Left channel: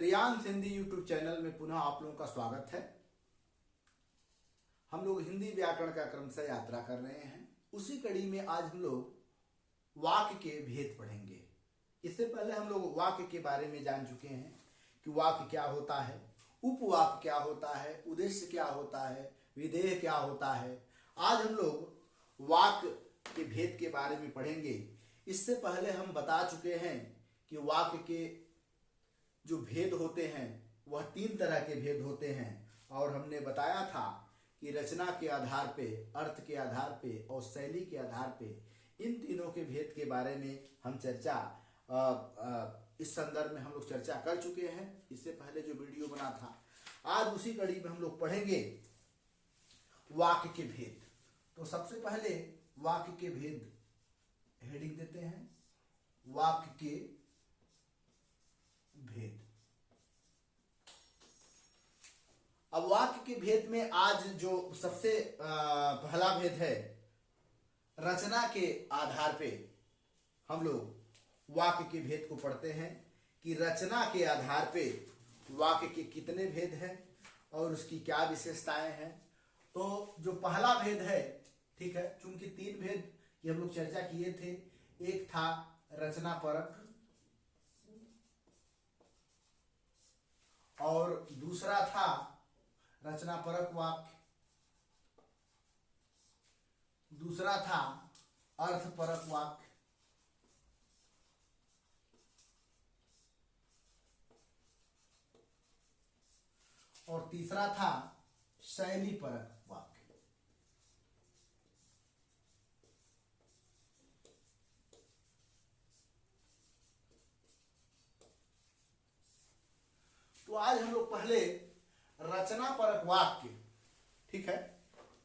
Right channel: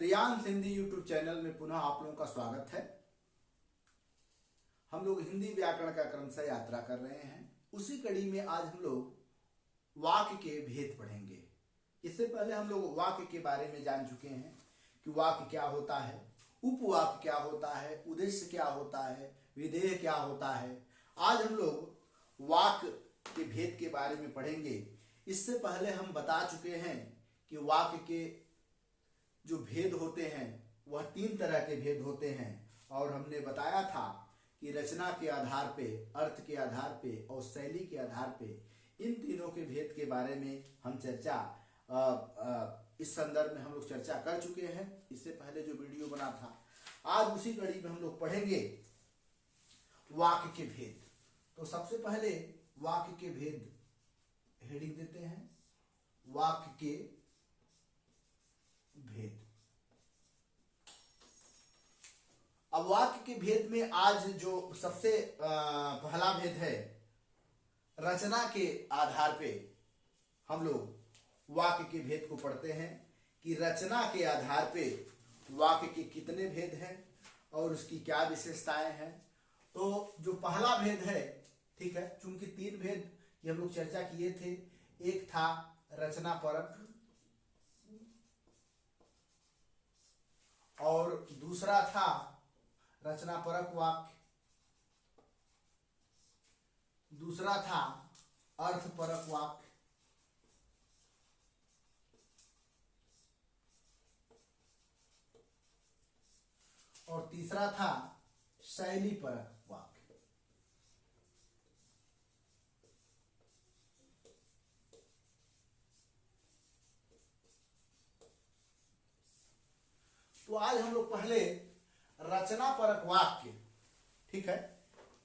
Riyansh Hindi YouTube channel में पुनः आप लोगों का स्वागत है। हम लोग हिंदी व्याकरण का क्रमशः यात्रा कर रहे हैं। उसी कड़ी में आज हम लोग वाक्य के भेद पढ़ेंगे। इससे पहले हम लोग वाक्य के बारे में जान चुके हैं कि वाक्य क्या होता है, उपवाक्य क्या होता है, उद्देश्य क्या होता है, विधेय क्या होता है। आज हम लोग वाक्य के भेद के बारे में पढ़ेंगे। इससे पहले हम बता चुके हैं कि वाक्य के जो भेद होते हैं वह 3 तरह के भेद होते हैं और हमने बताया था कि रचना के आधार पे, अर्थ के आधार पे और शैली के आधार पे इन तीनों के भेद के बारे में हम चर्चा इस संदर्भ में हम लोग चर्चा कर चुके हैं। इससे पहले जो वीडियो बना था, आज उसी कड़ी में हम लोग पढ़ेंगे वाक्य के भेद। तो सबसे पहले वाक्य के भेद हेडिंग देते हैं, वाक्य के भेद। अब वाक्य के भेद में आज जो सबसे पहला भेद है, रचना के आधार पे हम लोग वाक्य के भेद को पढ़ते हैं कि रचना के आधार पे वाक्य के कितने भेद हैं और उसकी क्या विशेषताएं हैं। तो जो पहला भेद है, ठीक है, चूंकि 3 भेद ये हम लोग चर्चा किए थे। एक था रचना परक और दूसरा था रचना परक वाक्य, दूसरा था अर्थ परक वाक्य और तीसरा था शैली परक वाक्य। तो आज हम लोग पहले रचना परक वाक्य, ठीक है,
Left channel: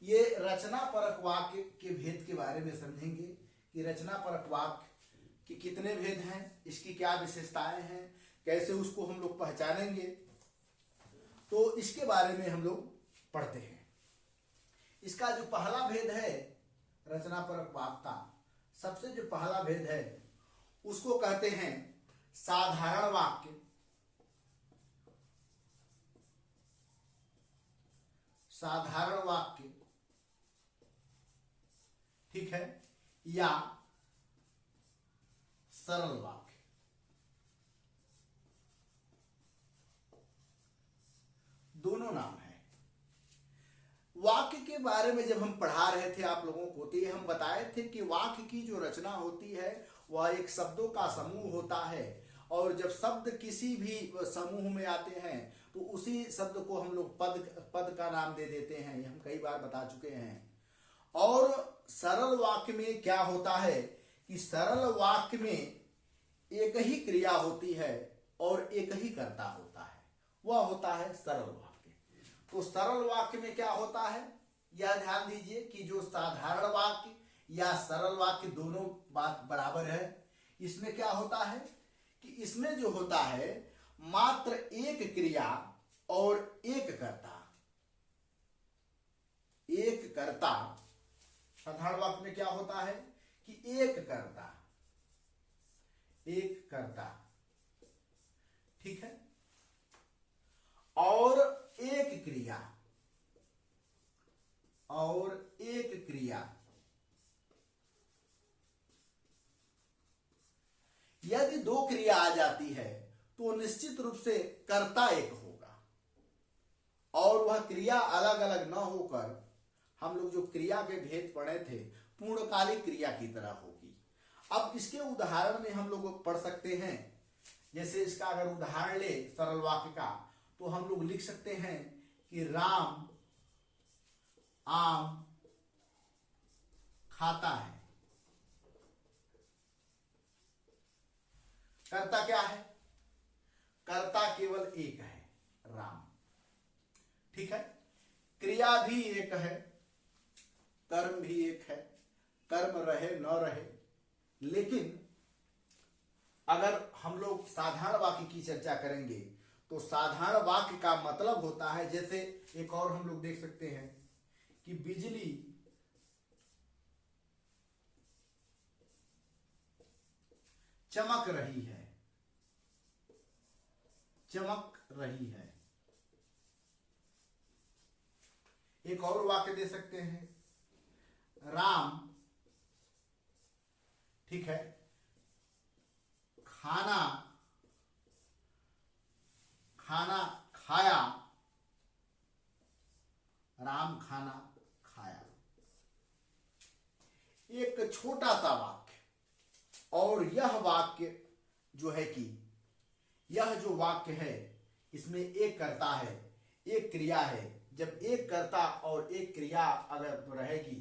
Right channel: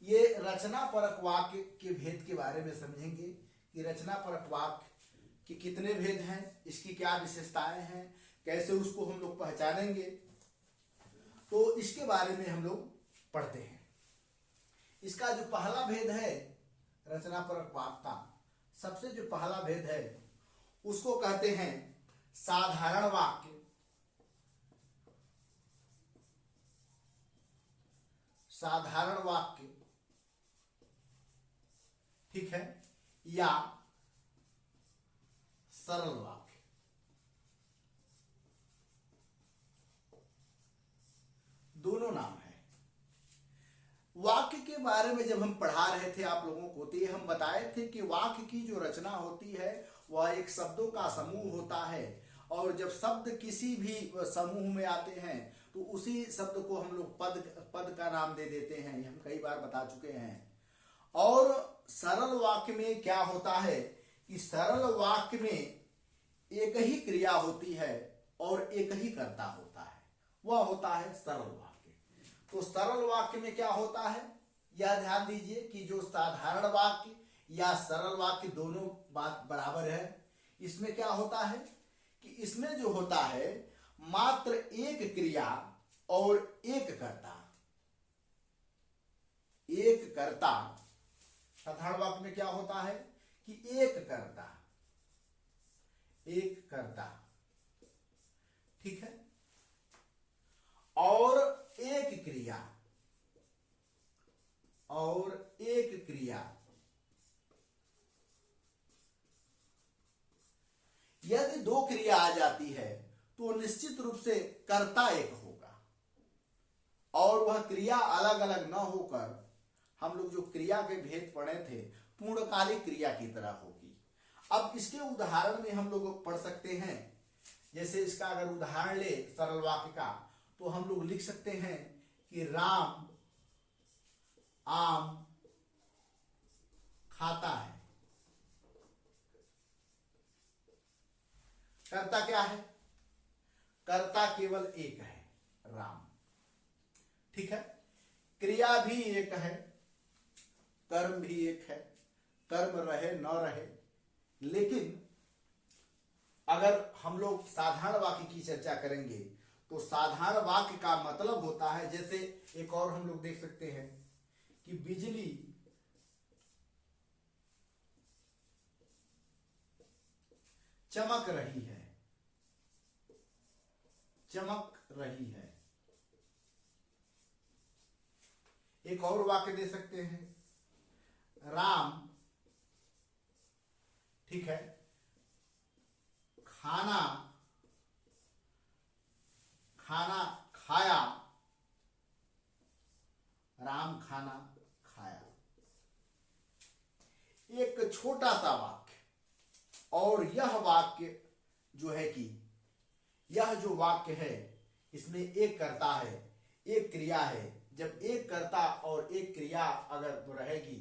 ये रचना परक वाक्य के भेद के बारे में समझेंगे कि रचना परक वाक्य के कितने भेद हैं, इसकी क्या विशेषताएं हैं, कैसे उसको हम लोग पहचानेंगे। तो इसके बारे में हम लोग पढ़ते हैं। इसका जो पहला भेद है रचना परक वाक्य का, सबसे जो पहला भेद है उसको कहते हैं साधारण वाक्य, साधारण वाक्य, ठीक है, या सरल वाक्य। दोनों नाम है। वाक्य के बारे में जब हम पढ़ा रहे थे आप लोगों को, तो ये हम बताए थे कि वाक्य की जो रचना होती है वह एक शब्दों का समूह होता है और जब शब्द किसी भी समूह में आते हैं तो उसी शब्द को हम लोग पद का नाम दे देते हैं। ये हम कई बार बता चुके हैं। और सरल वाक्य में क्या होता है कि सरल वाक्य में एक ही क्रिया होती है और एक ही कर्ता होता है, वह होता है सरल वाक्य। तो सरल वाक्य में क्या होता है, यह ध्यान दीजिए कि जो साधारण वाक्य या सरल वाक्य दोनों बात बराबर है। इसमें क्या होता है कि इसमें जो होता है मात्र एक क्रिया और एक कर्ता, एक कर्ता। साधारण वाक्य में क्या होता है कि एक कर्ता, एक कर्ता, ठीक है, और एक क्रिया, और एक क्रिया। यदि 2 क्रिया आ जाती है तो निश्चित रूप से कर्ता एक होगा और वह क्रिया अलग अलग न होकर हम लोग जो क्रिया के भेद पढ़े थे पूर्णकालिक क्रिया की तरह होगी। अब इसके उदाहरण में हम लोग पढ़ सकते हैं। जैसे इसका अगर उदाहरण ले सरल वाक्य का, तो हम लोग लिख सकते हैं कि राम आम खाता है। कर्ता क्या है, कर्ता केवल एक है, राम, ठीक है। क्रिया भी एक है, कर्म भी एक है, कर्म रहे न रहे। लेकिन अगर हम लोग साधारण वाक्य की चर्चा करेंगे तो साधारण वाक्य का मतलब होता है, जैसे एक और हम लोग देख सकते हैं कि बिजली चमक रही है, चमक रही है। एक और वाक्य दे सकते हैं, राम, ठीक है, खाना खाया, राम खाना खाया। एक छोटा सा वाक्य, और यह वाक्य जो है कि यह जो वाक्य है इसमें एक कर्ता है, एक क्रिया है। जब एक कर्ता और एक क्रिया अगर रहेगी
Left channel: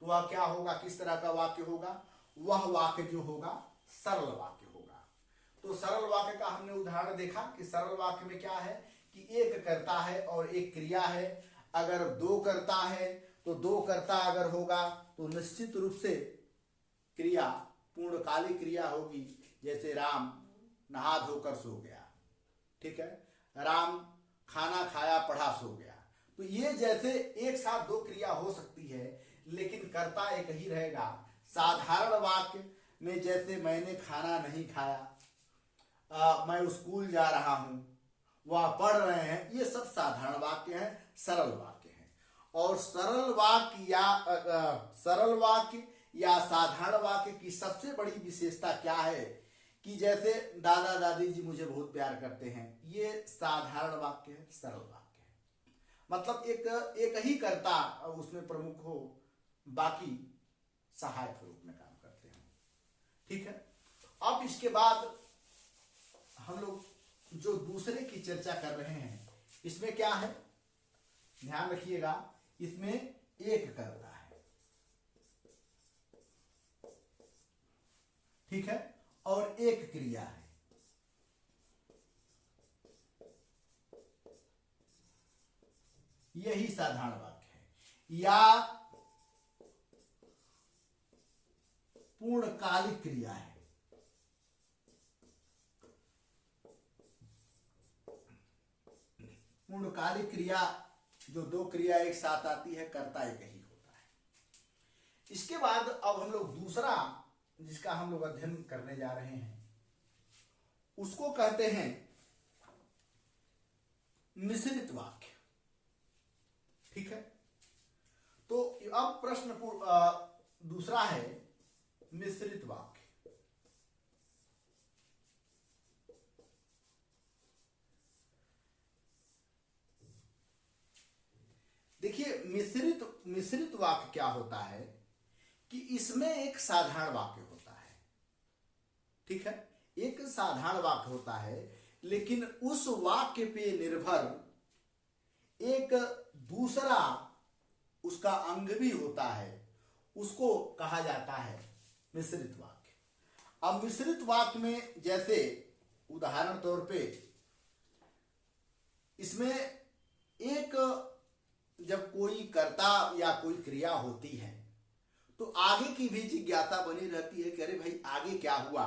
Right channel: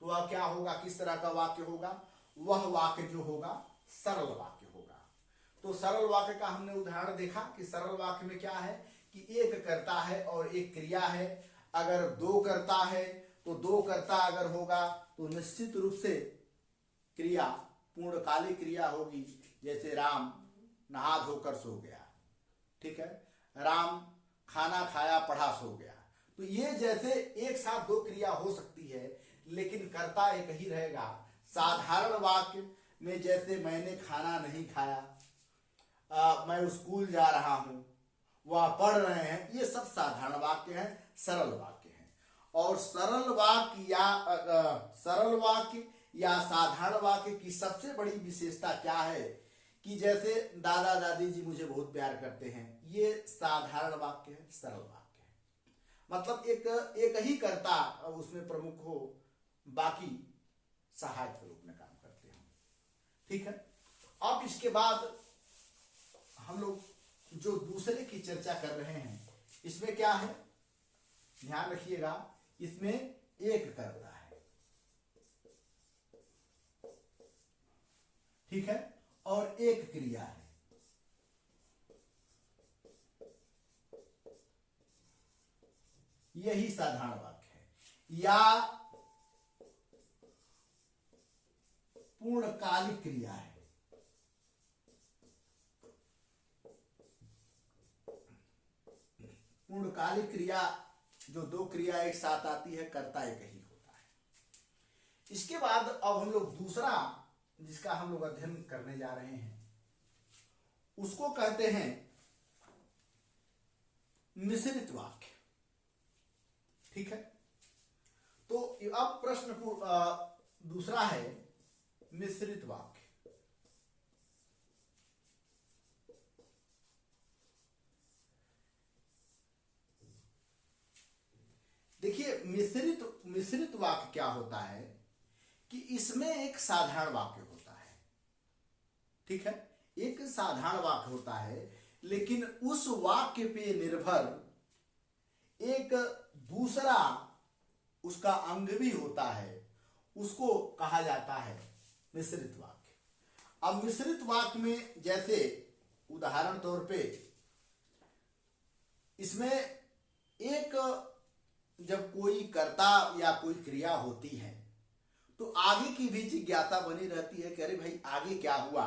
तो वह क्या होगा, किस तरह का वाक्य होगा? वह वाक्य जो होगा सरल वाक्य होगा। तो सरल वाक्य का हमने उदाहरण देखा कि सरल वाक्य में क्या है कि एक कर्ता है और एक क्रिया है। अगर दो कर्ता है तो दो कर्ता अगर होगा तो निश्चित रूप से क्रिया पूर्णकालिक क्रिया होगी। जैसे राम नहा धोकर सो गया, ठीक है, राम खाना खाया पढ़ा सो गया। तो ये जैसे एक साथ दो क्रिया हो सकती है लेकिन कर्ता एक ही रहेगा। साधारण वाक्य में जैसे मैंने खाना नहीं खाया, मैं स्कूल जा रहा हूं, वह पढ़ रहे हैं, ये सब साधारण वाक्य हैं, सरल वाक्य हैं। और सरल वाक्य या साधारण वाक्य की सबसे बड़ी विशेषता क्या है कि जैसे दादा दादी जी मुझे बहुत प्यार करते हैं, ये साधारण वाक्य है, सरल वाक्य है। मतलब एक ही कर्ता उसमें प्रमुख हो, बाकी सहायक के रूप में काम करते हैं, ठीक है। अब इसके बाद हम लोग जो दूसरे की चर्चा कर रहे हैं, इसमें क्या है, ध्यान रखिएगा, इसमें एक कर्ता है, ठीक है, और एक क्रिया है। यही साधारण वाक्य है या पूर्णकालिक क्रिया है। पूर्णकालिक क्रिया जो दो क्रिया एक साथ आती है, कर्ता एक ही होता है। इसके बाद अब हम लोग दूसरा जिसका हम लोग अध्ययन करने जा रहे हैं उसको कहते हैं मिश्रित वाक्य, ठीक है। तो अब प्रश्न दूसरा है मिश्रित वाक्य। देखिए मिश्रित वाक्य क्या होता है कि इसमें एक साधारण वाक्य होता है, ठीक है, एक साधारण वाक्य होता है, लेकिन उस वाक्य पे निर्भर एक दूसरा उसका अंग भी होता है, उसको कहा जाता है मिश्रित वाक्य। अब मिश्रित वाक्य में जैसे उदाहरण तौर पे इसमें एक जब कोई कर्ता या कोई क्रिया होती है तो आगे की भी जिज्ञासा बनी रहती है कि अरे भाई आगे क्या हुआ,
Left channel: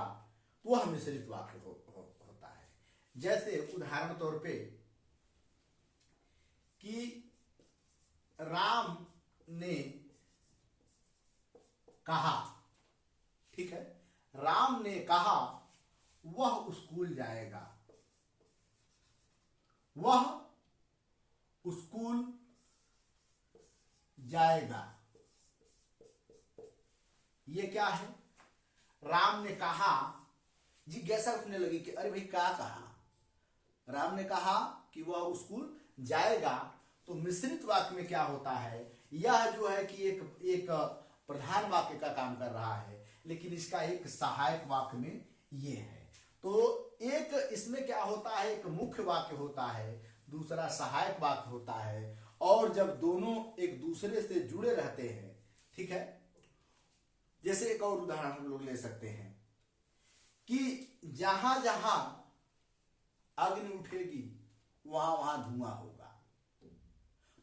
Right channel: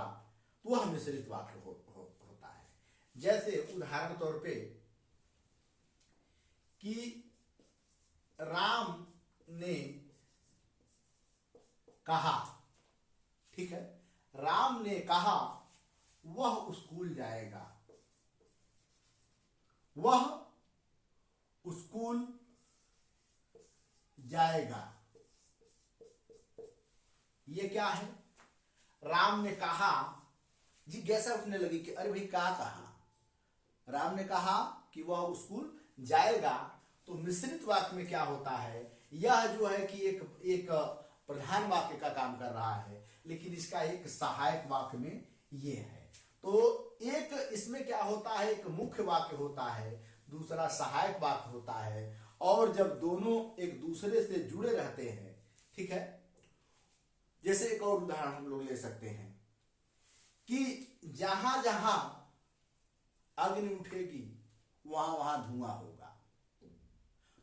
तो वह मिश्रित वाक्य होता है। जैसे उदाहरण तौर पे कि राम ने कहा, ठीक है, राम ने कहा वह स्कूल जाएगा, वह स्कूल जाएगा। ये क्या है, राम ने कहा, जिज्ञासा उठने लगी कि अरे भाई क्या कहा, राम ने कहा कि वह स्कूल जाएगा। तो मिश्रित वाक्य में क्या होता है, यह जो है कि एक प्रधान वाक्य का काम कर रहा है, लेकिन इसका एक सहायक वाक्य में ये है। तो एक इसमें क्या होता है, एक मुख्य वाक्य होता है, दूसरा सहायक वाक्य होता है, और जब दोनों एक दूसरे से जुड़े रहते हैं, ठीक है। जैसे एक और उदाहरण हम लोग ले सकते हैं कि जहां जहां अग्नि उठेगी वहां वहां धुआं होगा।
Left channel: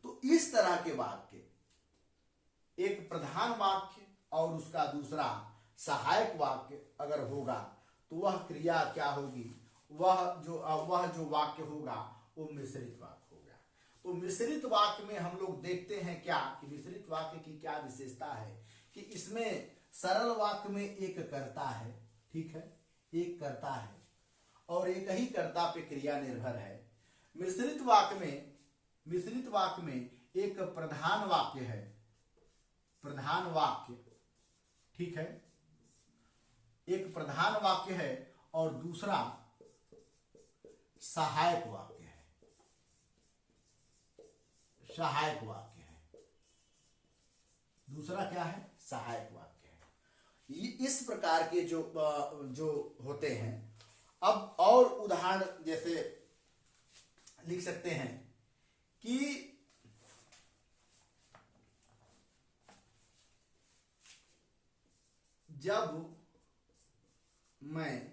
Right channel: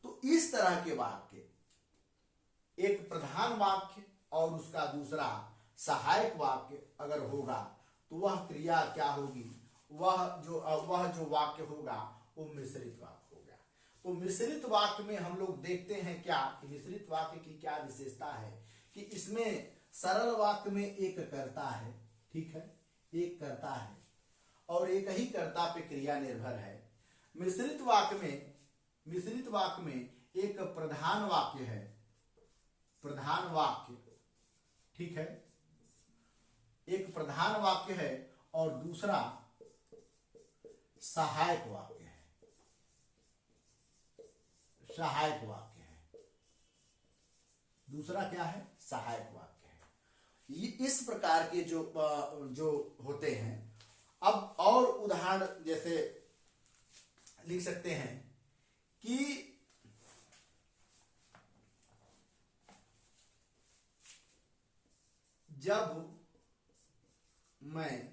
तो इस तरह के वाक्य, एक प्रधान वाक्य और उसका दूसरा सहायक वाक्य अगर होगा तो वह क्रिया क्या होगी, वह जो वाक्य होगा वो मिश्रित वाक्य होगा। तो मिश्रित वाक्य में हम लोग देखते हैं क्या कि मिश्रित वाक्य की क्या विशेषता है कि इसमें सरल वाक्य में एक कर्ता है, ठीक है, एक कर्ता है, और एक ही कर्ता पे क्रिया निर्भर है। मिश्रित वाक्य में एक प्रधान वाक्य है, प्रधान वाक्य, ठीक है, एक प्रधान वाक्य है और दूसरा सहायक वाक्य है, सहायक वाक्य है, दूसरा क्या है, सहायक वाक्य है। इस प्रकार के जो होते हैं। अब और उदाहरण जैसे लिख सकते हैं कि जब मैं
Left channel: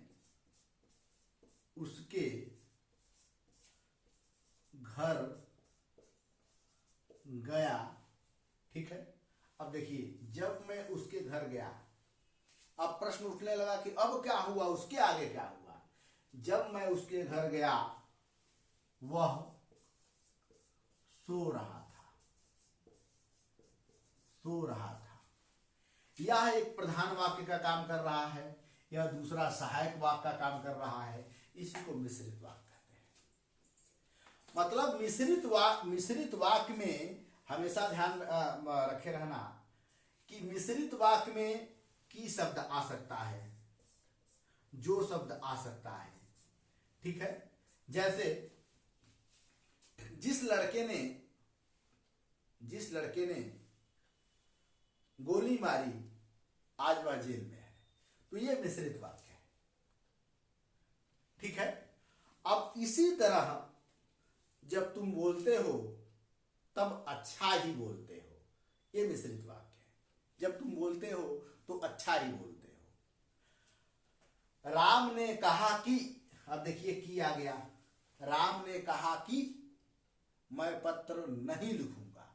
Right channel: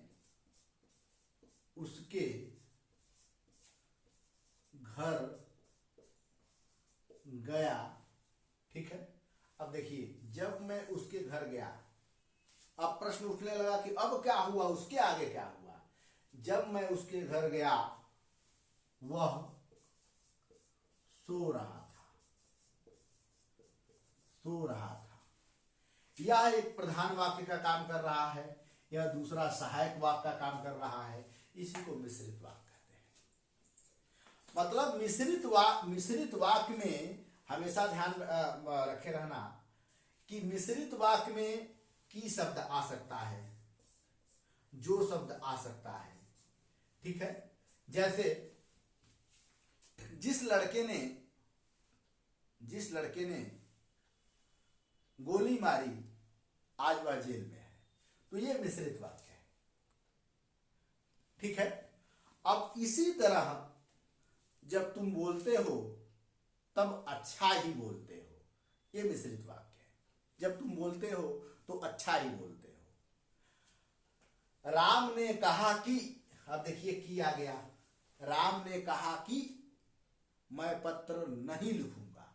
उसके घर गया, ठीक है। अब देखिए, जब मैं उसके घर गया, अब प्रश्न उठने लगा कि अब क्या हुआ, उसके आगे क्या हुआ। जब मैं उसके घर गया वह सो रहा था, सो रहा था। यह एक प्रधान वाक्य का काम कर रहा है, यह दूसरा सहायक वाक्य का काम कर रहा है। इसी को मिश्रित वाक्य कहते हैं। मतलब मिश्रित वाक्य में हमेशा ध्यान रखे रहना कि मिश्रित वाक्य में की शब्द आ सकता है, जो शब्द आ सकता है, ठीक है। जैसे जिस लड़के ने गोली मारी आज वह जेल में है, तो ये मिश्रित वाक्य है, ठीक है। अब इसी तरह जब तुम बोलते हो तब अच्छा ही बोलते हो, ये मिश्रित वाक्य है। जब तुम बोलते हो तो अच्छा ही बोलते हो। राम ने कहा कि, अब देखिए कि आ गया, राम ने कहा कि मैं पत्र नहीं लिखूंगा,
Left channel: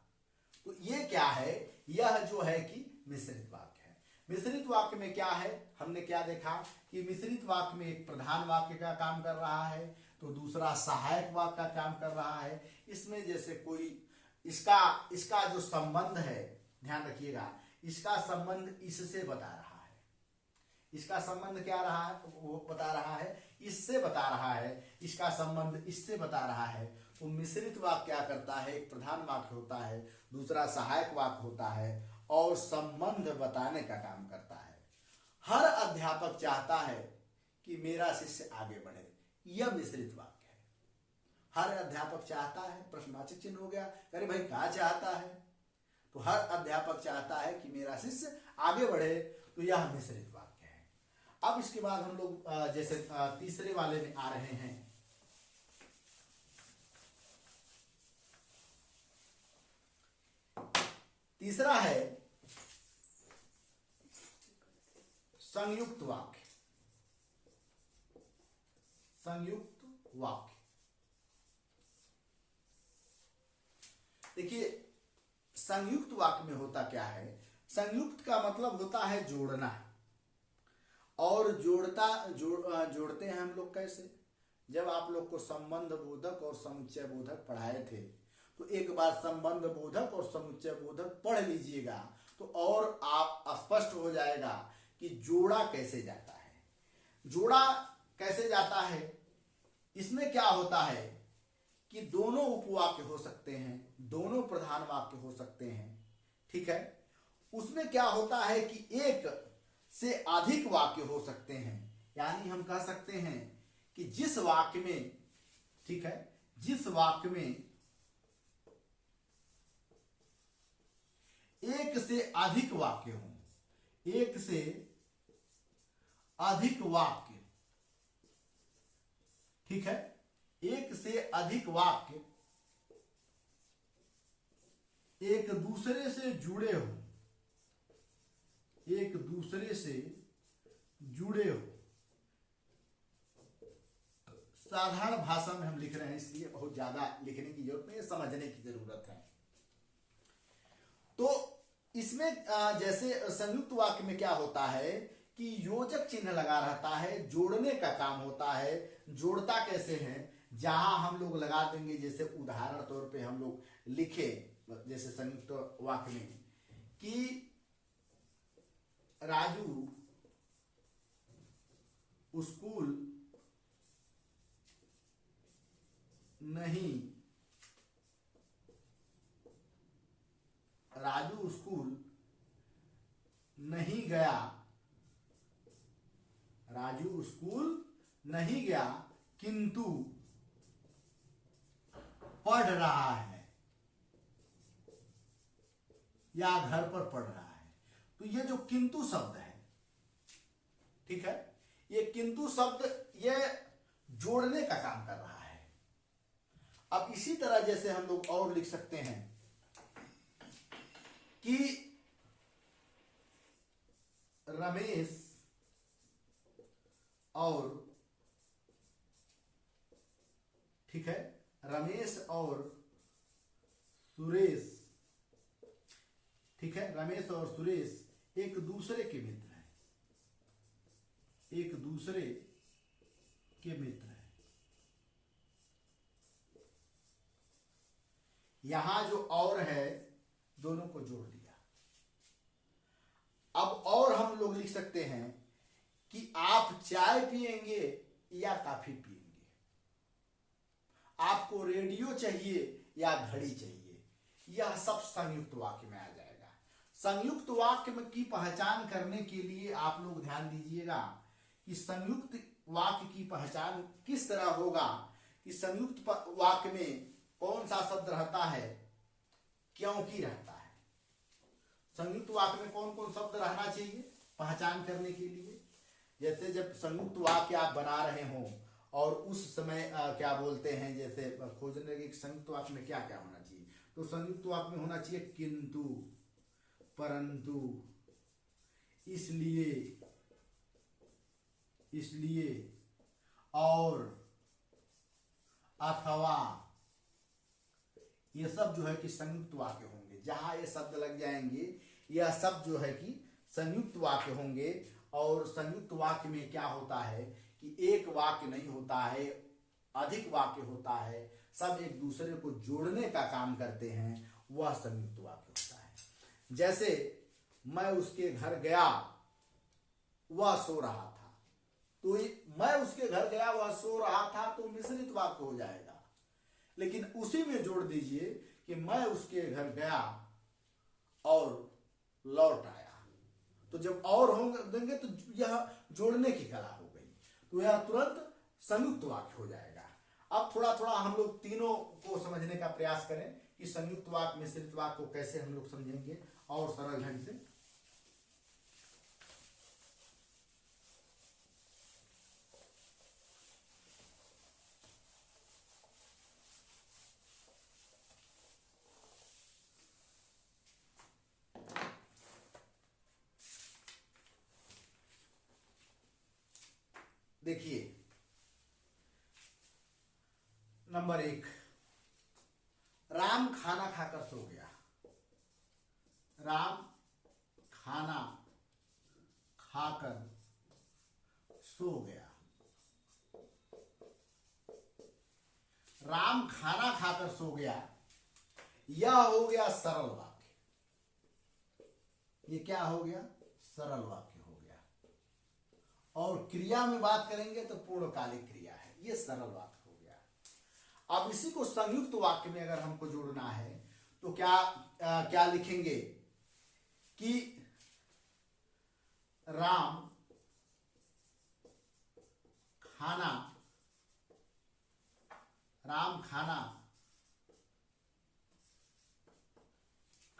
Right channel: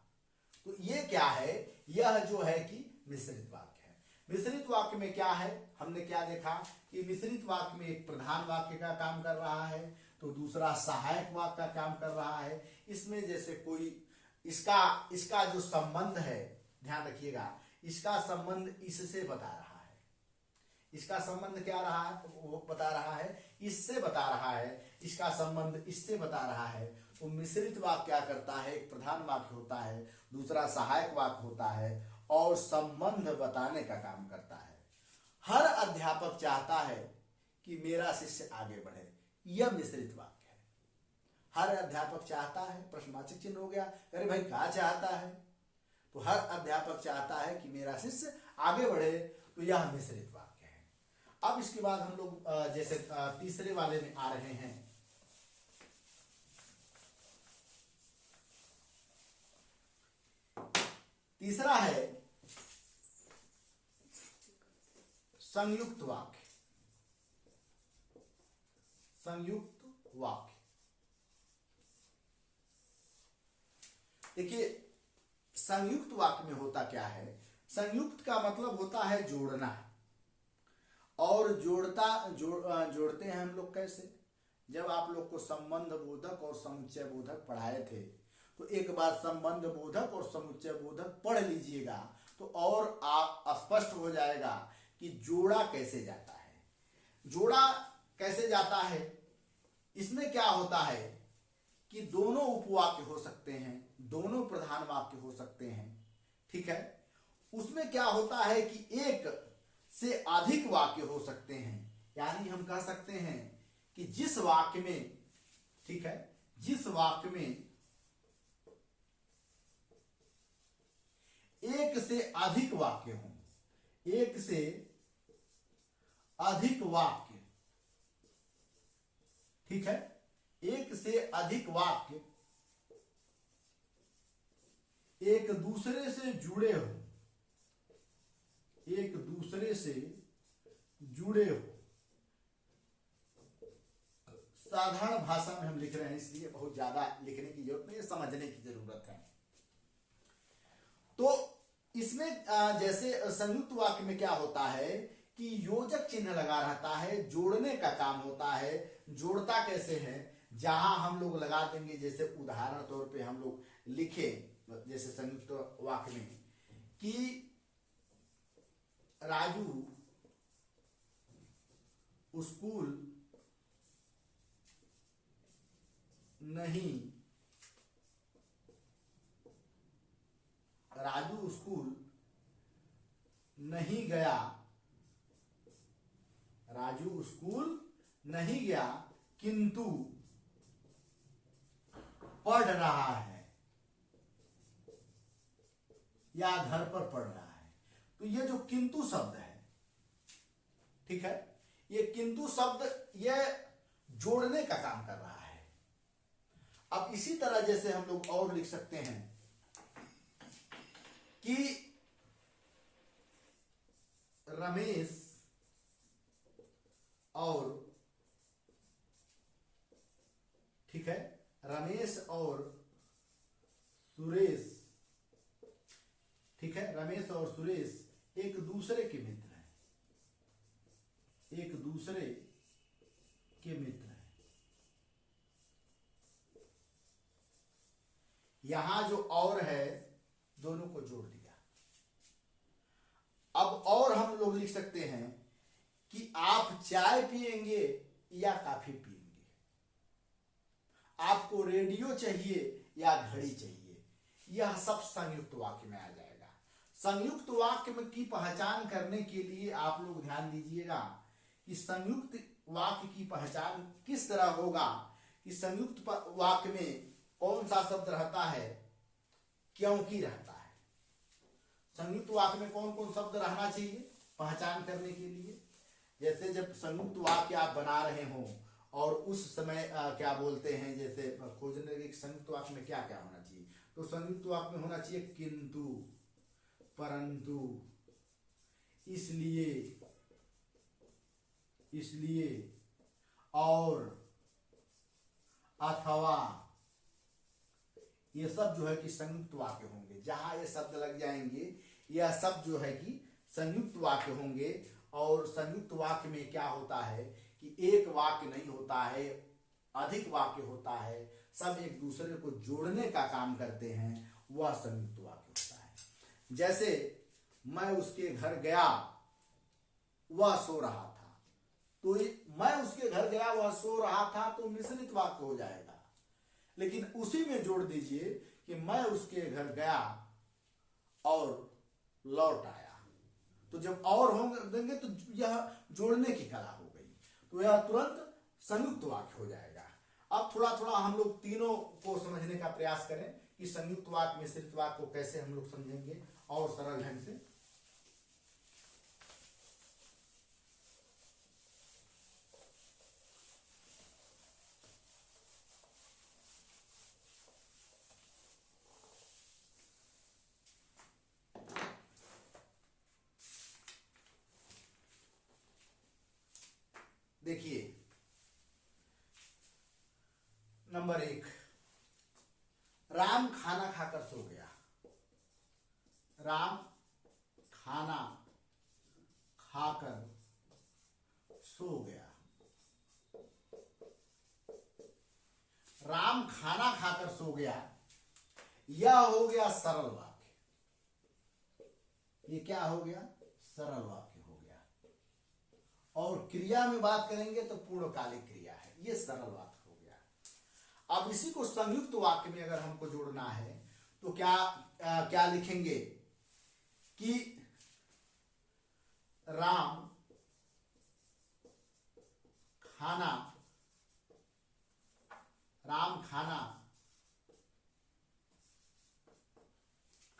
तो ये क्या है, यह जो है कि मिश्रित वाक्य है। मिश्रित वाक्य में क्या है, हमने क्या देखा कि मिश्रित वाक्य में एक प्रधान वाक्य का काम कर रहा है तो दूसरा सहायक वाक्य का काम कर रहा है। इसमें जैसे कोई इसका जो संबंध है, ध्यान रखिएगा, इसका संबंध इससे बता रहा है, इसका संबंध क्या रहा है, वो बता रहा है, इससे बता रहा है, इसका संबंध इससे बता रहा है। तो मिश्रित वाक्य क्या करता है, एक प्रधान वाक्य होता है, दूसरा सहायक वाक्य होता है और संबंध बताने का काम करता है। हर अध्यापक चाहता है कि मेरा शिष्य आगे बढ़े, यह मिश्रित वाक्य है। हर अध्यापक चाहता है, प्रश्नवाचक चिन्ह हो गया, अरे भाई क्या चाहता है, तो हर अध्यापक चाहता है कि मेरा शिष्य आगे बढ़े, तो यह मिश्रित वाक्य है। अब इसके बाद हम लोग जैसे तीसरे वाले में आ रहे हैं। तीसरा है संयुक्त वाक्य, संयुक्त वाक्य। देखिए, संयुक्त वाक्य में होता क्या है, संयुक्त का मतलब होता है जोड़ना, और जोड़ते हैं हम लोग कैसे। जब आप लोग को संबंध बोधक और समुच्चय बोधक पढ़ाए थे, तो एक बार संबंध बोधक और समुच्चय बोधक पढ़ लीजिएगा तो और आप स्पष्ट हो जाएगा कि जोड़ा कैसे जाता है। जोड़ा कैसे जाता है, इसमें क्या होता है कि दोनों उपवाक्य हो सकते हैं, दोनों प्रधान वाक्य हो सकते हैं, ठीक है। उसमें क्या होता है कि एक से अधिक वाक्य हो सकते हैं, यानी हम कह सकते हैं कि जिस वाक्य में, ठीक है, जिस वाक्य में एक से अधिक वाक्य हो, एक से अधिक वाक्य, ठीक है, एक से अधिक वाक्य एक दूसरे से जुड़े हो, एक दूसरे से जुड़े हो। साधारण भाषा में हम लिख रहे हैं, इसलिए बहुत ज्यादा लिखने की जरूरत नहीं है, समझने की जरूरत है। तो इसमें जैसे संयुक्त वाक्य में क्या होता है कि योजक चिन्ह लगा रहता है, जोड़ने का काम होता है। जोड़ता कैसे है, जहां हम लोग लगा देंगे, जैसे उदाहरण तौर पे हम लोग लिखे, जैसे संयुक्त वाक्य में कि राजू स्कूल नहीं, राजू स्कूल नहीं गया, राजू स्कूल नहीं गया किंतु पढ़ रहा है या घर पर पढ़ रहा है। तो ये जो किंतु शब्द है, ठीक है, ये किंतु शब्द ये जोड़ने का काम कर रहा है। अब इसी तरह जैसे हम लोग और लिख सकते हैं कि रमेश और, ठीक है, रमेश और सुरेश, ठीक है, रमेश और सुरेश एक दूसरे के मित्र हैं, एक दूसरे के मित्र हैं। यहां जो और है दोनों को जोड़ दिया। अब और हम लोग लिख सकते हैं कि आप चाय पिएंगे या कॉफी पिएंगे, आपको रेडियो चाहिए या घड़ी चाहिए। यह सब संयुक्त वाक्य में आ जाएगा। संयुक्त वाक्य में की पहचान करने के लिए आप लोग ध्यान दीजिएगा कि संयुक्त वाक्य की पहचान किस तरह होगा कि संयुक्त वाक्य में कौन सा शब्द रहता है, क्योंकि रहता है। संयुक्त वाक्य में कौन कौन शब्द रहना चाहिए पहचान करने के लिए। जैसे जब संयुक्त वाक्य आप बना रहे हो और उस समय क्या बोलते हैं, जैसे खोजने के संयुक्त वाक्य में क्या क्या होना चाहिए, तो संयुक्त वाक्य में होना चाहिए किंतु, परंतु, इसलिए, इसलिए, और, अथवा, ये सब जो है कि संयुक्त वाक्य होंगे। जहां ये शब्द लग जाएंगे यह सब जो है कि संयुक्त वाक्य होंगे। और संयुक्त वाक्य में क्या होता है कि एक वाक्य नहीं होता है, अधिक वाक्य होता है, सब एक दूसरे को जोड़ने का काम करते हैं, वह संयुक्त वाक्य होता है। जैसे मैं उसके घर गया, वह सो रहा था, तो मैं उसके घर गया वह सो रहा था तो मिश्रित वाक्य हो जाएगा। लेकिन उसी में जोड़ दीजिए कि मैं उसके घर गया और लौट आया, तो जब और होंगे देंगे तो यह जोड़ने की कला हो गई, तो यह तुरंत संयुक्त वाक्य हो जाएगा। अब थोड़ा थोड़ा हम लोग तीनों को समझने का प्रयास करें कि संयुक्त वाक्य मिश्रित वाक्य को कैसे हम लोग समझेंगे और सरल ढंग से। देखिए नंबर 1, राम खाना खाकर सो गया। राम खाना खाकर सो गया। राम खाना खाकर सो गया, यह हो गया सरल वाक्य। ये क्या हो गया? सरल वाक्य हो गया। और क्रिया में बात करेंगे तो पूर्णकालिक क्रिया है, ये सरल वाक्य हो गया। अब इसी को संयुक्त वाक्य में अगर हमको जोड़ना है तो क्या लिखेंगे कि राम खाना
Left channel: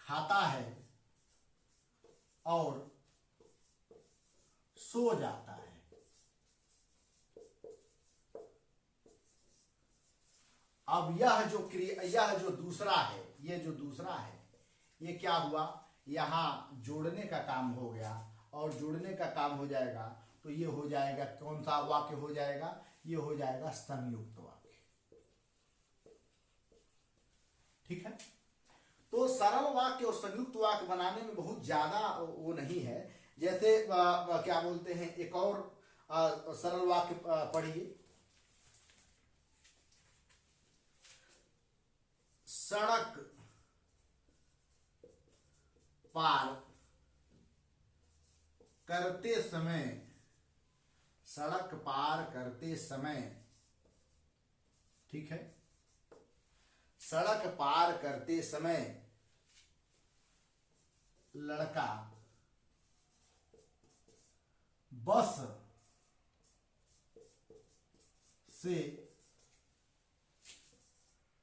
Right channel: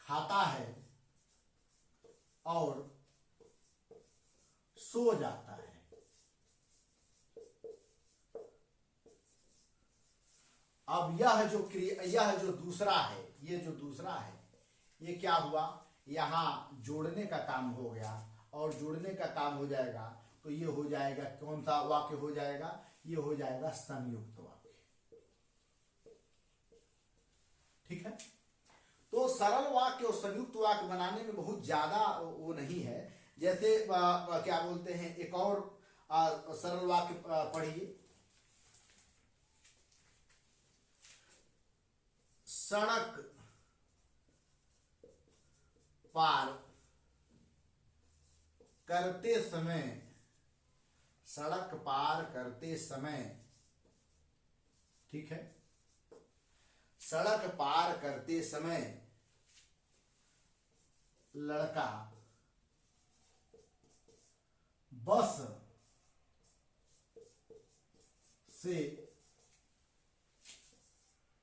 खाता है और सो जाता है। अब यह जो दूसरा है, ये क्या हुआ? यहां जोड़ने का काम हो गया, और जोड़ने का काम हो जाएगा तो ये हो जाएगा, कौन सा वाक्य हो जाएगा? ये हो जाएगा संयुक्त वाक्य। ठीक है, तो सरल वाक्य और संयुक्त वाक्य बनाने में बहुत ज्यादा वो नहीं है। जैसे क्या बोलते हैं, एक और सरल वाक्य पढ़िए। सड़क पार करते समय, सड़क पार करते समय, ठीक है, सड़क पार करते समय लड़का बस से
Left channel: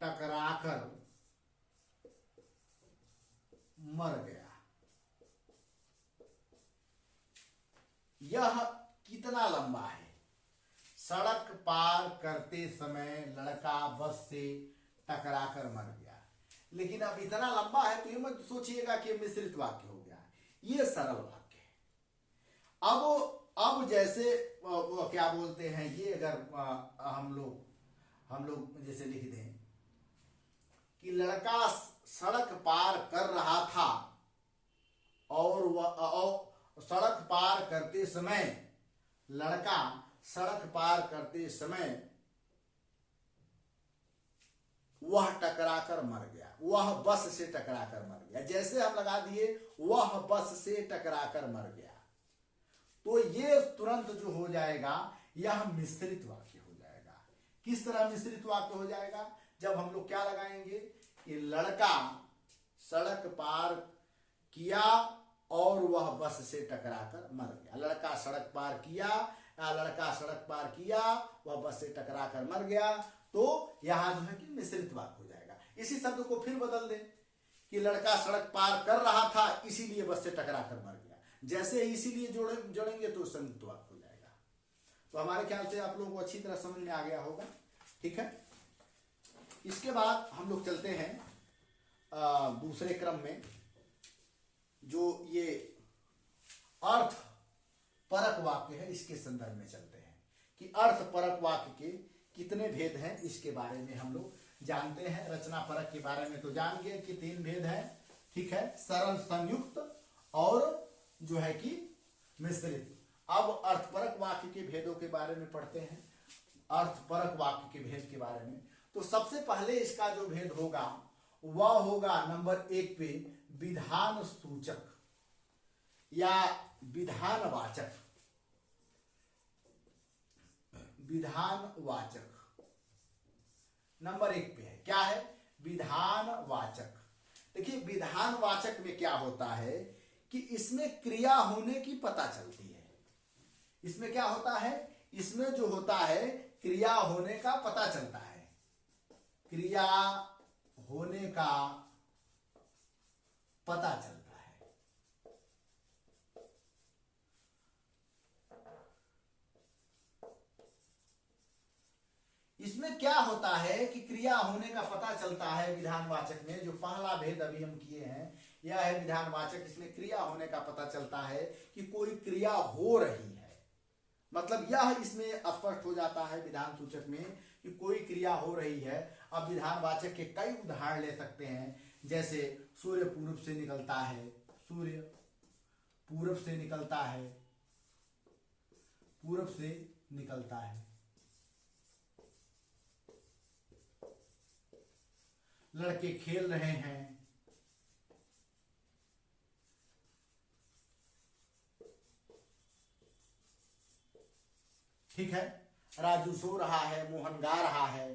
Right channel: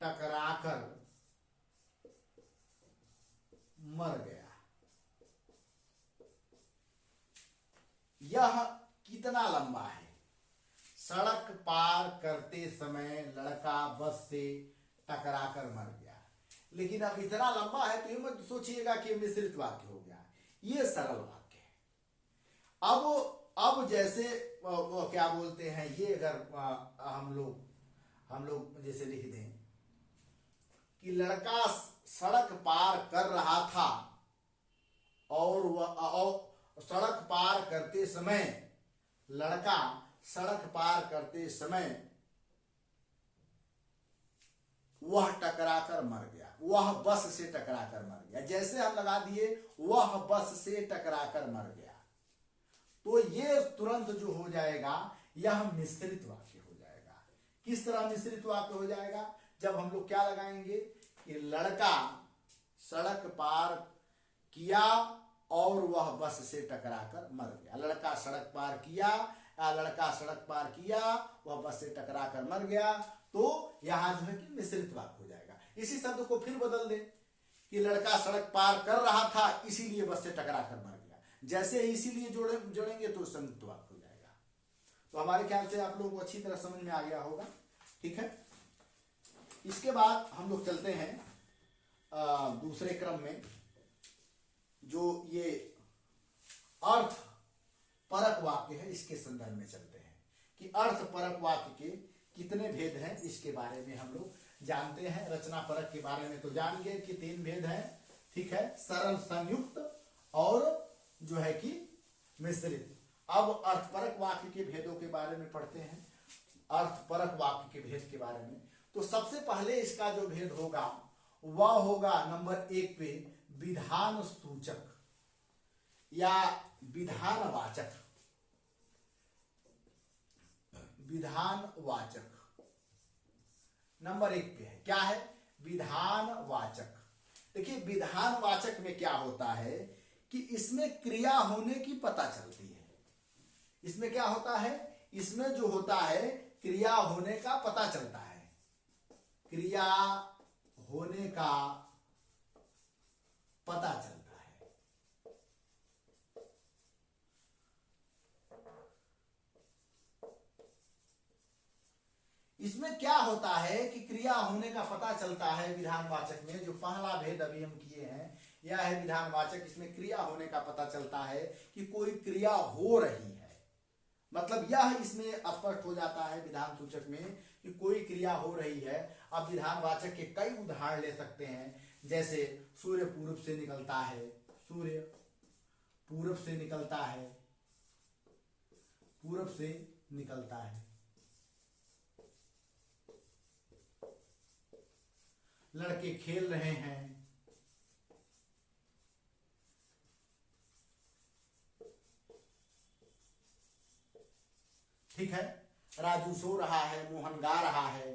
टकराकर मर गया। यह कितना लंबा है? सड़क पार करते समय लड़का बस से टकराकर मर गया। लेकिन अब इतना लंबा है तो ये मत सोचिएगा कि मिश्रित वाक्य हो गया, ये सरल वाक्य है। अब जैसे वो क्या बोलते हैं, ये अगर हम लोग जैसे लिख दें कि लड़का सड़क पार कर रहा था और सड़क पार करते समय लड़का सड़क पार करते समय वह टकराकर मर गया। वह बस से टकराकर मर गया। जैसे हम लगा दिए वह बस से टकराकर मर गया, तो ये तुरंत जो हो जाएगा यह मिश्रित वाक्य हो जाएगा। किस तरह मिश्रित वाक्य हो जाएगा? जब हम लोग क्या लगाएंगे कि लड़का सड़क पार किया और वह बस से टकराकर मर गया। लड़का सड़क पार किया या लड़का सड़क पार किया वह बस से टकराकर मर गया, तो यहां जो है कि मिश्रित वाक्य हो जाएगा। इसी शब्द को फिर बदल दे कि लड़का सड़क पार कर रहा था इसीलिए बस से टकराकर मर गया। जैसे इसीलिए जोड़ेंगे तो संयुक्त वाक्य हो जाएगा। तो हमारे ख्याल से आप लोगों को अच्छी तरह समझ में आ गया होगा। ठीक है, इसके बाद हम लोग चलते हैं दूसरे क्रम में, जो ये अर्थ परक वाक्य है, इसके संदर्भ में चलते हैं कि अर्थ परक वाक्य के कितने भेद हैं, इसके बारे में हम लोग जानते हैं। रचना परक के बारे में तो जान गए कि 3 भेद हैं। ठीक है, सरल, संयुक्त और जो है कि मिश्रित। अब अर्थपरक वाक्य के भेदों के बारे में पढ़ते हैं। अर्थपरक वाक्य के भेद के बारे में तो सबसे पहले इसका जो भेद होगा वह होगा नंबर 1 पे विधान सूचक या विधानवाचक। विधानवाचक नंबर 1 पे है। क्या है? विधानवाचक। देखिए विधानवाचक में क्या होता है कि इसमें क्रिया होने की पता चलती है। इसमें क्या होता है? इसमें जो होता है क्रिया होने का पता चलता है। क्रिया होने का पता चलता है। इसमें क्या होता है कि क्रिया होने का पता चलता है विधानवाचक में। जो पहला भेद अभी हम किए हैं यह है विधानवाचक। इसमें क्रिया होने का पता चलता है कि कोई क्रिया हो रही है, मतलब यह इसमें स्पष्ट हो जाता है विधान सूचक में कि कोई क्रिया हो रही है। अब विधानवाचक के कई उदाहरण ले सकते हैं, जैसे सूर्य पूर्व से निकलता है, सूर्य पूर्व से निकलता है, पूर्व से निकलता है, लड़के खेल रहे हैं, ठीक है, राजू सो रहा है, मोहन गा रहा है।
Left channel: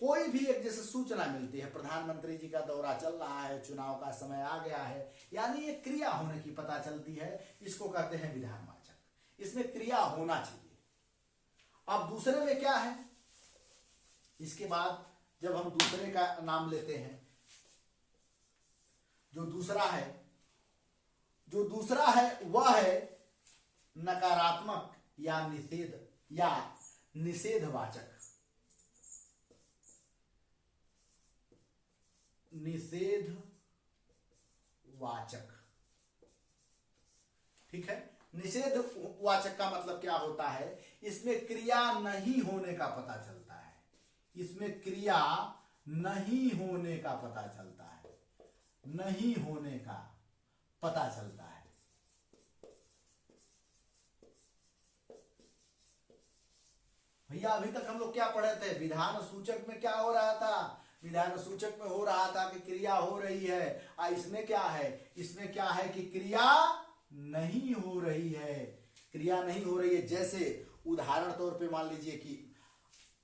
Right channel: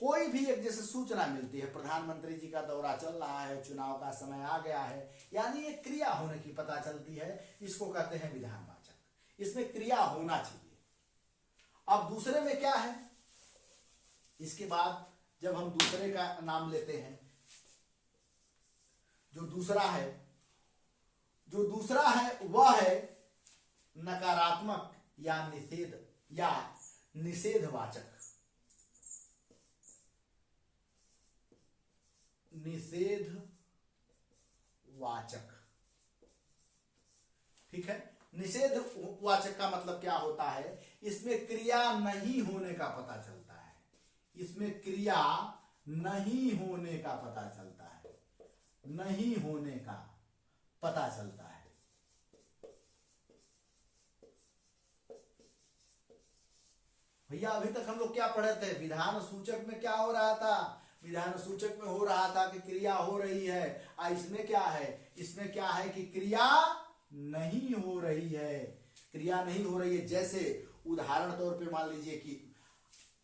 कोई भी एक जैसे सूचना मिलती है, प्रधानमंत्री जी का दौरा चल रहा है, चुनाव का समय आ गया है, यानी एक क्रिया होने की पता चलती है, इसको कहते हैं विधानवाचक। इसमें क्रिया होना चाहिए। अब दूसरे में क्या है? इसके बाद जब हम दूसरे का नाम लेते हैं, जो दूसरा है वह है नकारात्मक या निषेधवाचक। निषेधवाचक, ठीक है। निषेधवाचक का मतलब क्या होता है? इसमें क्रिया नहीं होने का पता चलता है। इसमें क्रिया नहीं होने का पता चलता है, नहीं होने का पता चलता है। भैया अभी तक हम लोग क्या पढ़े थे? विधान सूचक में क्या हो रहा था? विधान सूचक में हो रहा था कि क्रिया हो रही है। इसमें क्या है? इसमें क्या है कि क्रिया नहीं हो रही है। क्रिया नहीं हो रही है। जैसे उदाहरण तौर पे मान लीजिए कि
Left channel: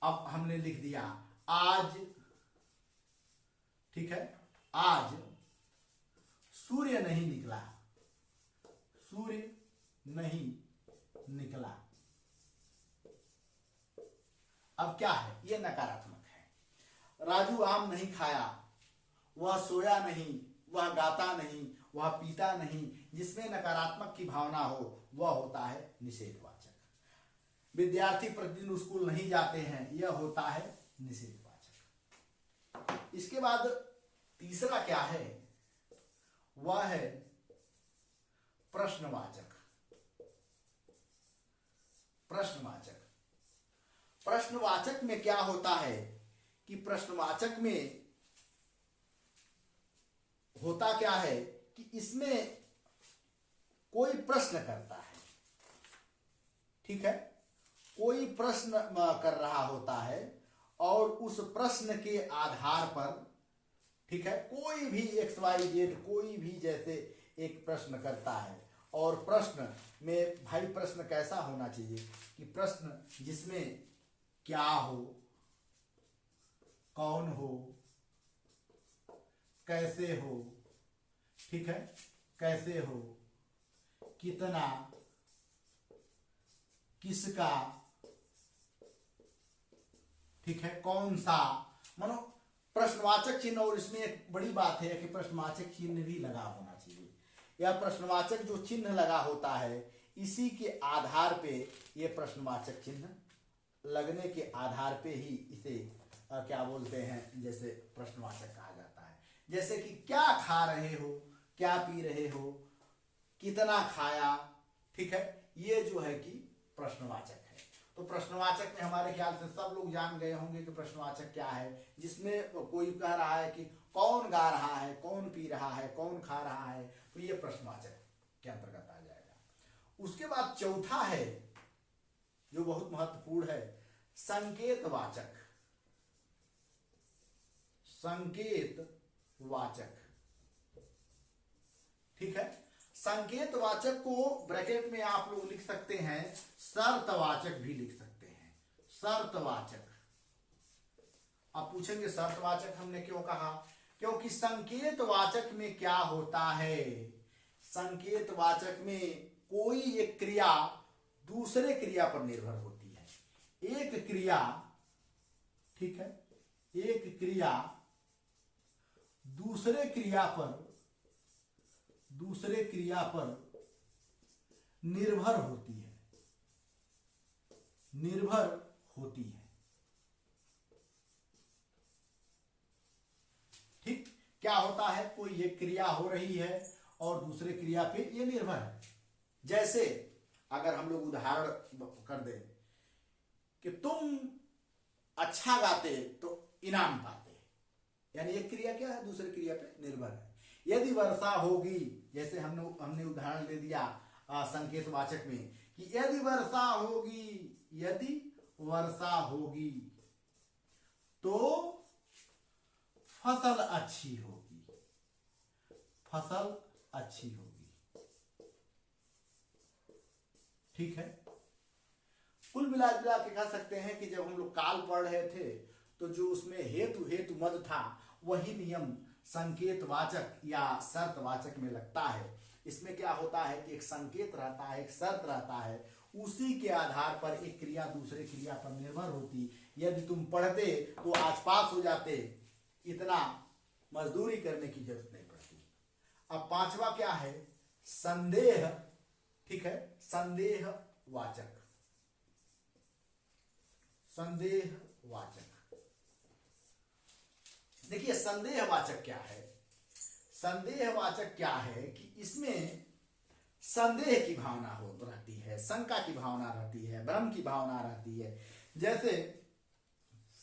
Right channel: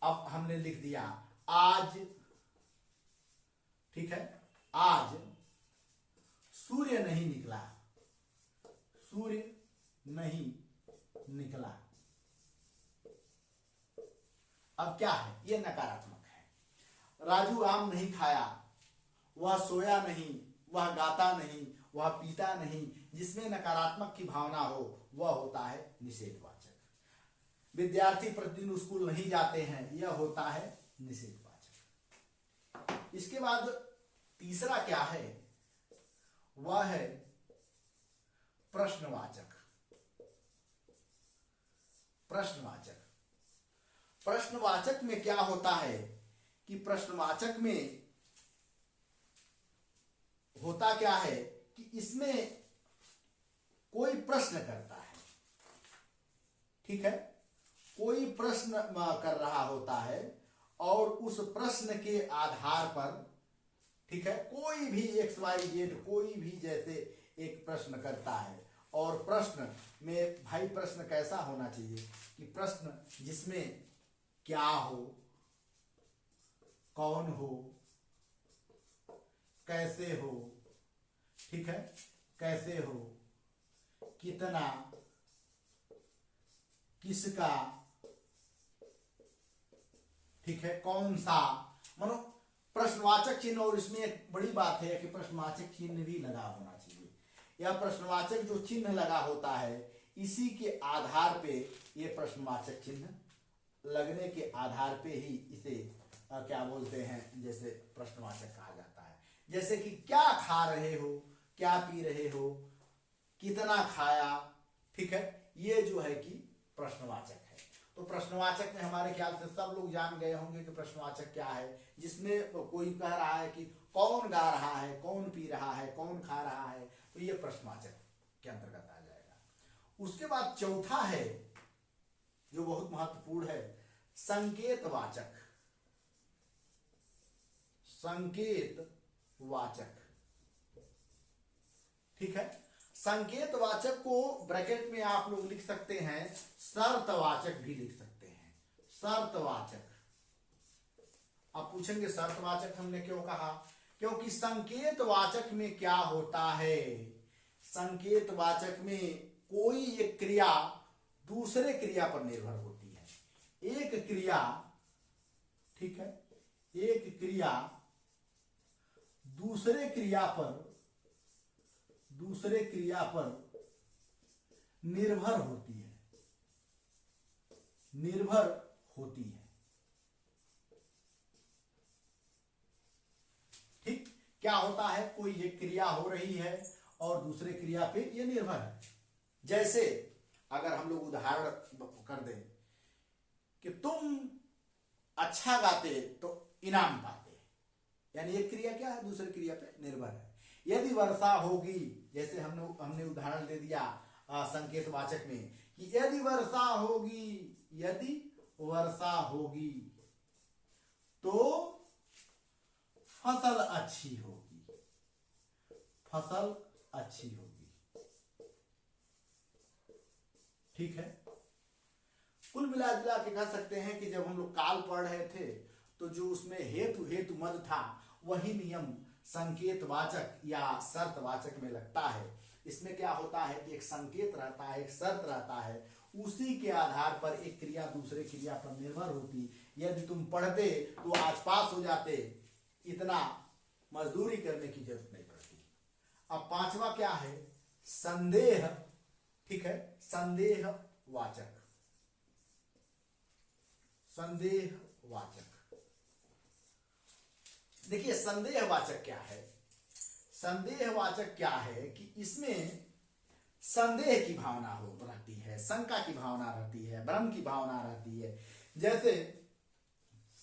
अब हमने लिख दिया आज ठीक है, आज सूर्य नहीं निकला, सूर्य नहीं निकला। अब क्या है, ये नकारात्मक है। राजू आम नहीं खाया, वह सोया नहीं, वह गाता नहीं, वह पीता नहीं। जिसमें नकारात्मक की भावना हो वह होता है निषेधवाचक। विद्यार्थी प्रतिदिन स्कूल नहीं जाते हैं, यह होता है निषेधवाचक। इसके बाद तीसरा क्या है, वह है प्रश्नवाचक। प्रश्नवाचक, प्रश्नवाचक में क्या होता है कि प्रश्नवाचक में होता क्या है कि इसमें कोई प्रश्न करता है, ठीक है, कोई प्रश्न कर रहा होता है और उस प्रश्न के आधार पर, ठीक है, कोई भी XYZ कोई भी जैसे एक प्रश्न करता है। और प्रश्न में भाई प्रश्न कैसा होना चाहिए कि प्रश्न जिसमें क्या हो, कौन हो, कैसे हो, ठीक है, कैसे हो, कितना, किसका, ठीक है, कौन सा, मानो प्रश्नवाचक चिन्ह। और इसमें एक बड़ी बात है कि प्रश्नवाचक चिन्ह भी लगा होना चाहिए। यह प्रश्नवाचक जो चिन्ह लगा होता है, इसी के आधार पे ये प्रश्नवाचक चिन्ह लगने के आधार पे ही इसे क्या बोलते हैं, जैसे प्रश्नवाचक कहा जाता है। जैसे कि क्या खा रहे हो, क्या पी रहे हो, कितना खाया, ठीक है, ये जो है कि प्रश्नवाचक है। तो प्रश्नवाचक में हमारे ख्याल से सब लोग जान गए होंगे कि प्रश्नवाचक क्या है, जिसमें कोई कह रहा है कि कौन गा रहा है, कौन पी रहा है, कौन खा रहा है, तो ये प्रश्नवाचक के अंतर्गत आ जाएगा। उसके बाद चौथा है जो बहुत महत्वपूर्ण है, संकेतवाचक। संकेतवाचक, ठीक है, संकेतवाचक को ब्रैकेट में आप लोग लिख सकते हैं, शर्तवाचक भी लिख सकते हैं। शर्तवाचक, आप पूछेंगे शर्तवाचक हमने क्यों कहा, क्योंकि संकेतवाचक में क्या होता है, संकेतवाचक में कोई एक क्रिया दूसरे क्रिया पर निर्भर होती है। एक क्रिया, ठीक है, एक क्रिया दूसरे क्रिया पर निर्भर होती है, निर्भर होती है, ठीक। क्या होता है, कोई एक क्रिया हो रही है और दूसरे क्रिया पे ये निर्भर है। जैसे अगर हम लोग उदाहरण कर दें कि तुम अच्छा गाते तो इनाम पाते, यानी एक क्रिया क्या है, दूसरी क्रिया पे निर्भर है। यदि वर्षा होगी, जैसे हमने उदाहरण दे दिया संकेतवाचक में कि यदि वर्षा होगी, यदि वर्षा होगी तो फसल अच्छी होगी, फसल अच्छी होगी, ठीक है। कुल मिला जुला के कह सकते हैं कि जब हम लोग काल पढ़ रहे थे तो जो उसमें हेतु हेतु मद था, वही नियम संकेतवाचक या शर्तवाचक में लगता है। इसमें क्या होता है कि एक संकेत रहता है, एक शर्त रहता है, उसी के आधार पर एक क्रिया दूसरे क्रिया पर निर्भर होती। यदि तुम पढ़ते तो आज पास हो जाते, इतना मजदूरी करने की जरूरत नहीं पड़ती। अब पांचवा क्या है, संदेह, ठीक है, संदेहवाचक। संदेहवाचक, देखिए संदेहवाचक क्या है, संदेहवाचक क्या है कि इसमें संदेह की भावना हो रहती है, शंका की भावना रहती है, भ्रम की भावना रहती है। जैसे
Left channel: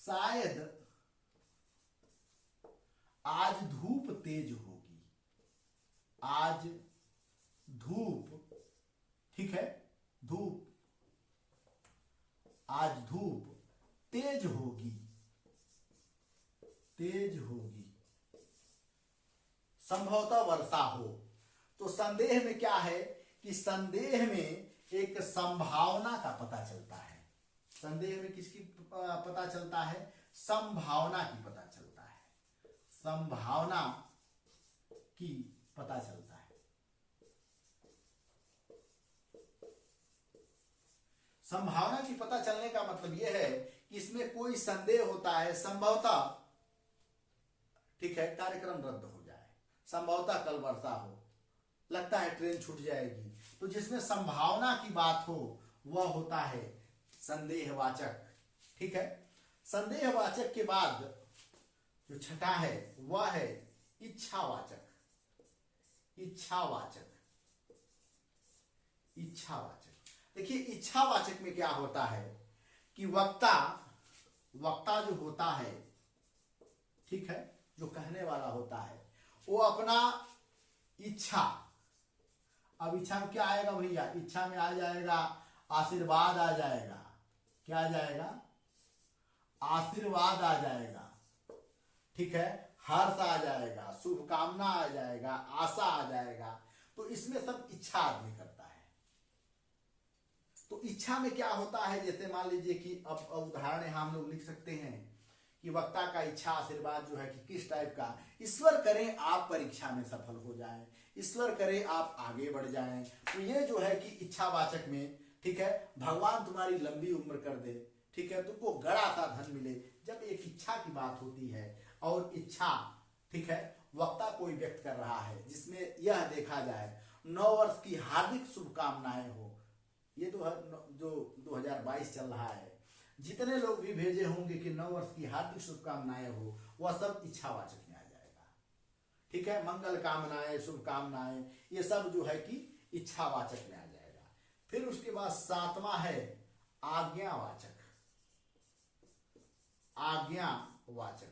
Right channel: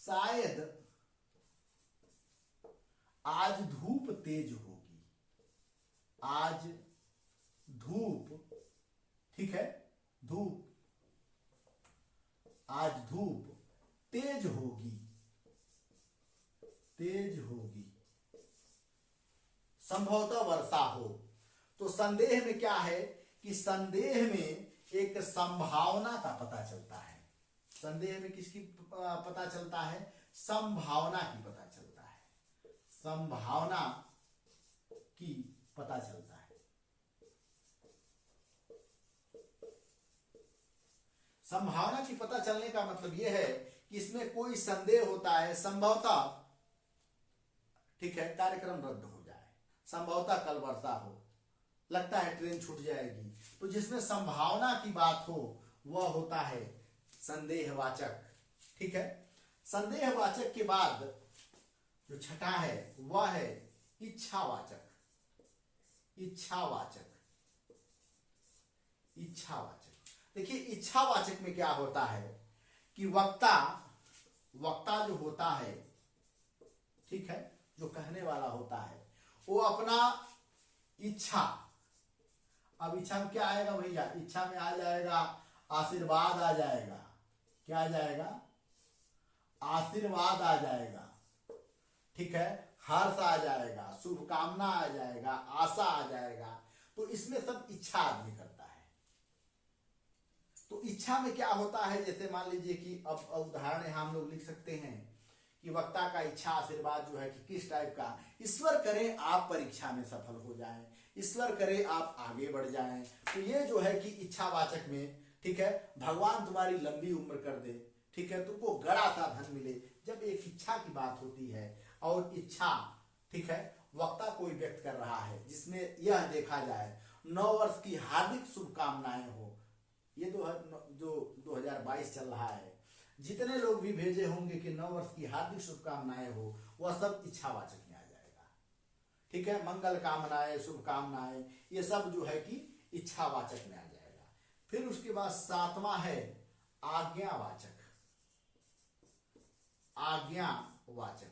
शायद आज धूप तेज होगी, आज धूप, ठीक है, धूप, आज धूप तेज होगी, तेज होगी, संभवतः वर्षा हो। तो संदेह में क्या है कि संदेह में एक संभावना का पता चलता है। संदेह में किसकी पता चलता है, संभावना की पता चलता है, संभावना की पता चलता है। संभावना की पता चलने का मतलब यह है कि इसमें कोई संदेह होता है, संभवतः, ठीक है, कार्यक्रम रद्द हो जाए, संभवतः कल वर्षा हो, लगता है ट्रेन छूट जाएगी, तो जिसमें संभावना की बात हो वह होता है संदेहवाचक। ठीक है, संदेहवाचक के बाद जो छठा है वह है इच्छावाचक। इच्छावाचक, इच्छावाचक। देखिए इच्छावाचक में क्या होता है कि वक्ता जो होता है, ठीक है, जो कहने वाला होता है, वो अपना इच्छा, अब इच्छा में क्या आएगा भैया, इच्छा में आ जाएगा आशीर्वाद, आ जाएगा, क्या आ जाएगा, आशीर्वाद आ जाएगा, ठीक है, हर्ष आ जाएगा, शुभकामना आ जाएगा, आशा आ जाएगा, तो इसमें सब इच्छा आदमी करता है। तो इच्छा में क्या होता है, जैसे मान लीजिए कि अब उदाहरण यहां हम लोग लिख सकते हैं कि वक्ता का इच्छा आशीर्वाद जो है कि किस टाइप का, ईश्वर करे आप परीक्षा में सफल हो जाएं, ईश्वर करे आप आगे बढ़ जाएं, तो ये जो है कि इच्छावाचक में, ठीक है, भगवान तुम्हारी लंबी उम्र कर दे, ठीक है, तुमको गड़ा सा धन मिले, जब एक इच्छा की बात होती है और इच्छा, ठीक है, वक्ता कोई व्यक्त कर रहा है जिसमें यह देखा जाए 9 वर्ष की हार्दिक शुभकामनाएं हो, ये जो 2022 चल रहा है, जितने लोग भी भेजे होंगे कि 9 वर्ष की हार्दिक शुभकामनाएं हो, वह सब इच्छावाचक में आ जाएगा। ठीक है, मंगल कामनाएं, शुभकामनाएं, ये सब जो है कि इच्छावाचक में आ जाएगा। फिर उसके बाद 7वां है आज्ञावाचक। आज्ञावाचक,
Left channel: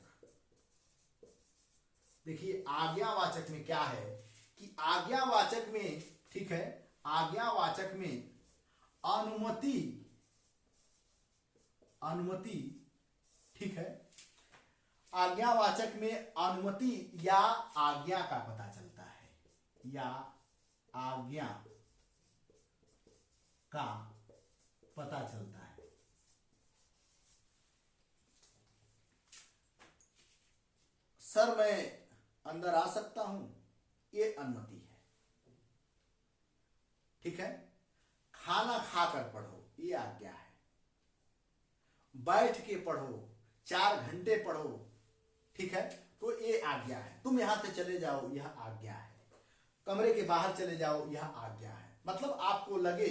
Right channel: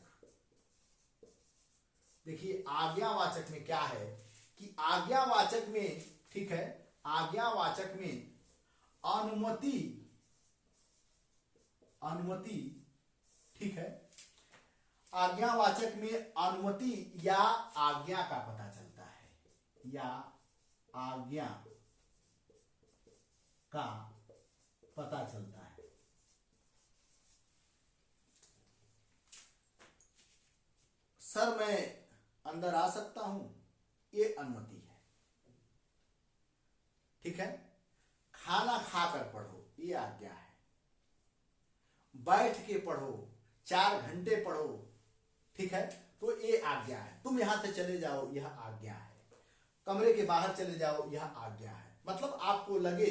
देखिए आज्ञावाचक में क्या है कि आज्ञावाचक में, ठीक है, आज्ञावाचक में अनुमति, ठीक है, आज्ञावाचक में अनुमति या आज्ञा का पता चलता है, या आज्ञा का पता चलता है। सर मैं अंदर आ सकता हूं, ये अनुमति है। ठीक है, खाना खाकर पढ़ो, ये आज्ञा है। बैठ के पढ़ो, 4 घंटे पढ़ो, ठीक है, तो ये आज्ञा है। तुम यहां से चले जाओ, यह आज्ञा है। कमरे के बाहर चले जाओ, यह आज्ञा है। मतलब आपको लगे